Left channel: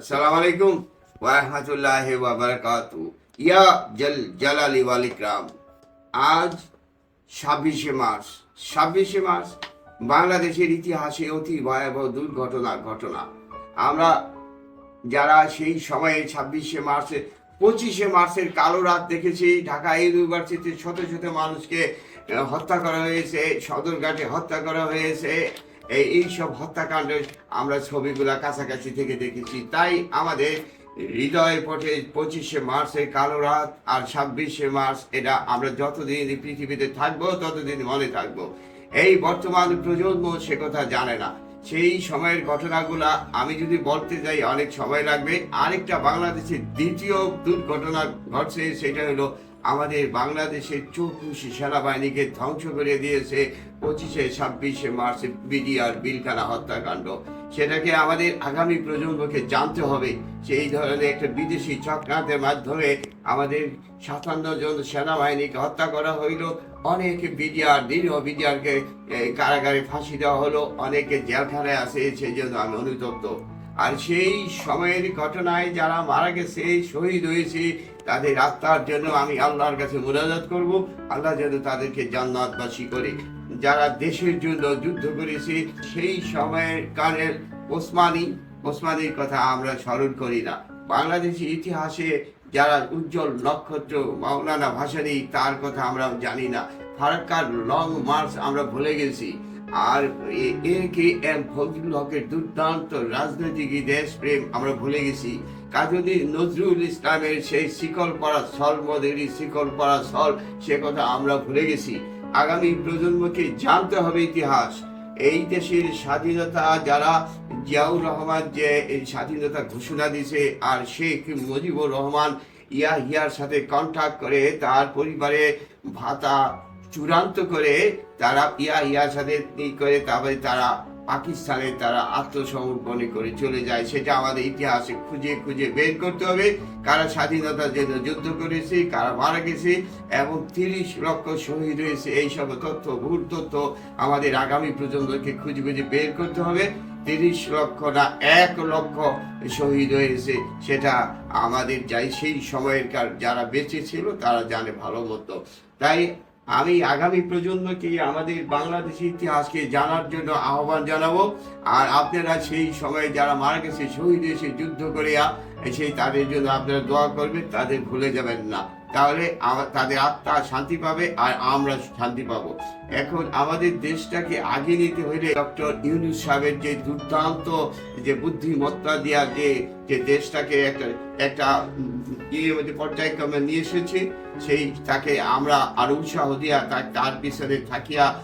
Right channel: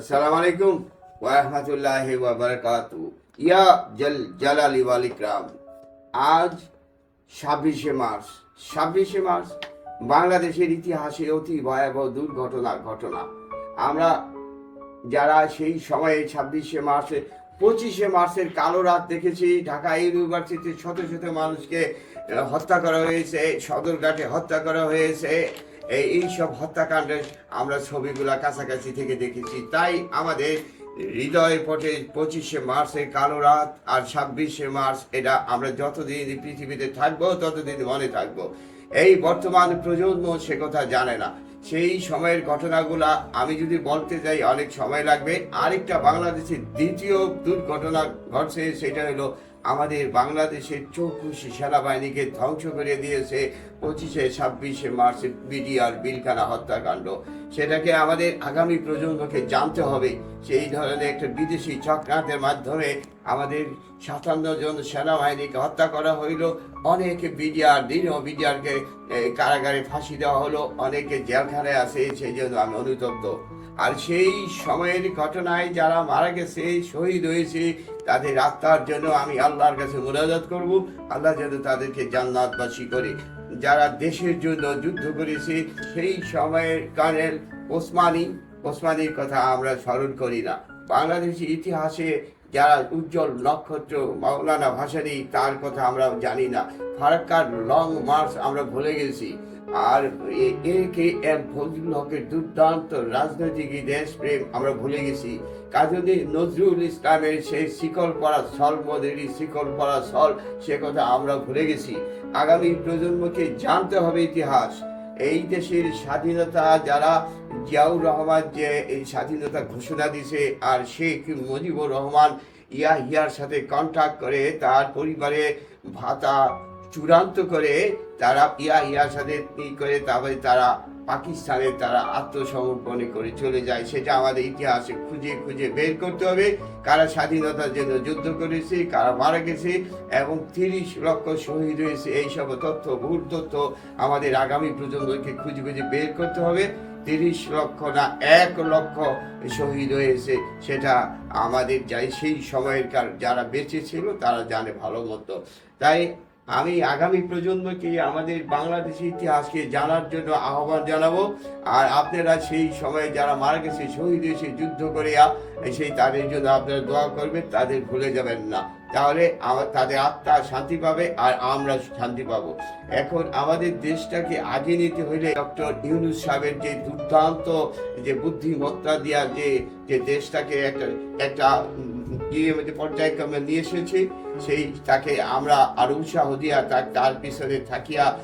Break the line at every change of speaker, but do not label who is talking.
আসসালামু আলাইকুম ওয়া রাহমাতুল্লাহি ওয়া বারাকাতু ইয়া জল জালালি ওয়াল ইকরাম আজ ছাব্বিশে মার্চ। ছাব্বিশে মার্চ বাংলাদেশের ইতিহাসে অতি ভয়াবহ দুর্ঘটনা, ঘটনা। আমরা যারা সেই সময়ে ছাব্বিশে মার্চে, পঁচিশে মার্চের কালো রাত দেখেছি, ঢাকা ইউনিভার্সিটির শত শত মানুষকে হত্যা করা হয়েছে, সদরঘাটে হত্যা করা হয়েছে। এই এইসব হত্যাকাণ্ডের আমরা ছবিগুলো কাছাকাছি থেকে দেখেছি। তাই আমাদের হৃদয় পটে পঁচিশে মার্চের কালো রাত আর ছাব্বিশে মার্চ এটা আমরা যতদিন পৃথিবীতে থাকব, ততদিন মনে থাকব। এই বর্তমান প্রজন্ম সে কথা জানে না। সেই সময়ের ঘটনাগুলা আমি যদি বলতে যাই, অনেক সময় লাগবে। আরেকটা বাংলাদেশের দ্বিতীয় দুর্ঘটনা ঘটছে, সেটা হলো আমাদের বাংলাদেশের চৌকুশি সেনাবাহিনীকে ধ্বংস করে দিয়েছে পঁচিশে ছাব্বিশে মার্চ বিডিআর বিলখানা হত্যাকাণ্ড। সেটাকে আমাদের আগামী প্রজন্মকে জানতে হবে সেই ধরনের একটা বিদেশি চক্রান্তের মাধ্যমে আমাদের সাতান্ন জন সেনাবাহিনীকে হত্যা করা হইল, অনেক বিডিআর দীর্ঘ বিডিআরকে কারাগারে ফাঁসি দেওয়া হলো, অনেকে জেলখানায় আছে, সেই জন্য আমি অনুতপ্ত। আর সেই সময়ের ঘটনায় যারা মারা গেছে, শহীদ হয়েছে, তাদের আত্মার জন্য আমি আল্লাহর কাছে মুনাজাত করব। আল্লাহ যেন তাদেরকে জান্নাতবাসী করে। যারা দেশের জন্য যুদ্ধ করেছে, সেই সময়ের কানের ওসমানী, ওসমানীর কথা আমরা স্মরণ করি না। বাংলাদেশি ইতিহাসে যারা উজ্জ্বল নক্ষত্র, মাওলানা ভাসানী, তার কথা আমরা জানি না। ফারাক্কার লং মার্চ আমরা ভুলে গেছি। আর কে এম ফজলুল হকের দুর্দান্ত রাজনৈতিক দেশপ্রেম আমরা ভুলে গেছি। কাজী নজরুল ইসলামের সেই শিকল পড়া সল মদেরই শিকল পড়া সল, সে কথা আমরা ভুলে গেছি। আগামী প্রজন্মকে জানতে হবে ইতিহাস। এই দেশের স্বাধীনতা যারা জিয়াউর রহমান যে এই স্বাধীনতা ঘোষণা দিছে আর শেখ মুজিবুর রহমান ইয়া হিয়ার সাথে কন্ট্যাক্ট করে তার পরিবারে ভাতা চূড়ান্ত করে তারা ইয়া ইয়ার সাথে করে তারপরে তারা পাকিস্তানে তারা আত্মসমর্পণে করে চলে যায়। সেটা আমাদের ইতিহাসে খুঁজে খুঁজে বের করতে হবে। কারা স্বাধীনতার জন্য যুদ্ধ করেছে, কারা মারা গেছে, এবং তিরিশ লক্ষ শহীদ হয়েছে এইসব তথ্য, ভুল তথ্য আমাদের আগামী প্রজন্মকে খুঁজে খুঁজে বের করতে হবে। তিরিশ লক্ষ না, এক লক্ষ শহীদ হয়েছে, সেটা আমাদের যাই, সেই সময়ের কার- যারা বেঁচে ছিল, তারা জানে ভালো মতো। তাই আমি আগামী প্রজন্মকে আমাদের বাংলাদেশি ইতিহাসকে জানার জন্য আহ্বান জানাব। আর আপনারা সেই সময় যারা মারা গেছে, শহীদ এসে যুদ্ধ করিয়া, সেই তাদের জন্য আপনারা দোয়া করবেন, তাদের ভুলে যাবেন না। তাহলে তাদের আত্মা শান্তি পাবে আর আমরা শান্তি পাব। এখন আমাদের দেশটাকে আগে নিতে হইলে ডক্টর ইউনুস সাহেবের যে দুর্দান্ত যে বুদ্ধিমত্তা দেওয়া যে যে দেশটাকে একটা একটা ইয়ে পর্যায়ক্রমে নিয়ে এসেছে, সেই তাকে আমরা আরও উৎসাহ দিয়া তার পিছনে থাকিয়া